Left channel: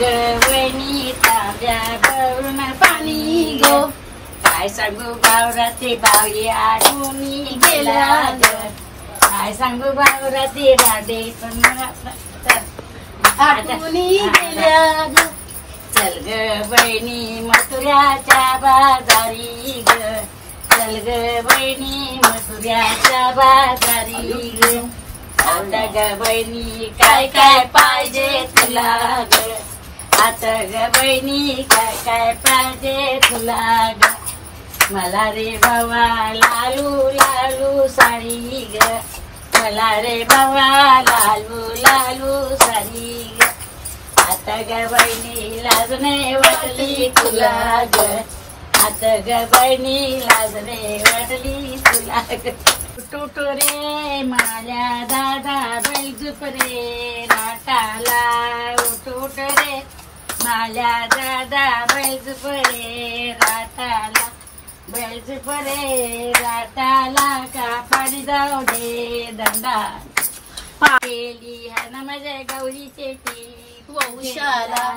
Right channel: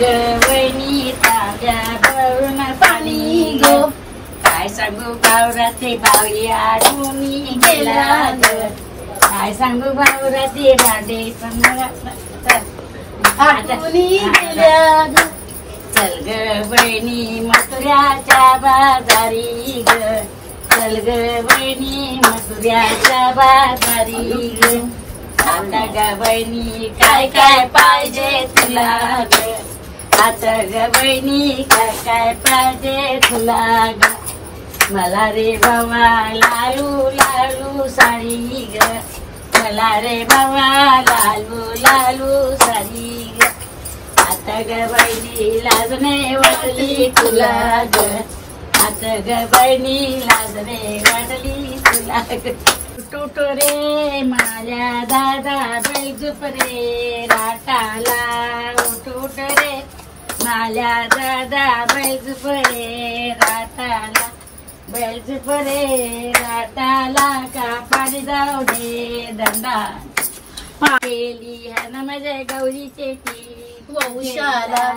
ग वहिनी ताब्या भरून पाणी गो. काय सांगू बावराती बावळी आडूनी गेला ग. काय सांगू बावराती भांडे आडूनी गेला ग. चल ग बहिणी मथुऱ्याच्या बाजारी ग. चल ग बहिणी मथुऱ्याच्या बाजारी ग. आता ग बहिणी काय काय पाहिजे तुला ग. आता ग बहिणी काय काय पाहिजे तुला ग. मला रे बाबा लालू लालू साडी ग. मला रे बाबा लालू लालू साडी ग. आता ग बहिणी लाजणे वाटली तुला ग. आता ग बहिणी लाजणे वाटली तुला ग. टूट रे माझ्या दादा बैजूप रे राटाला. टूट रे माझ्या दादा बैजूप रे राटाला. बैजूप रे राटाला का पाडी जाऊ दे दंडा. केली हन माझ्या गौरी शेती वंशाला.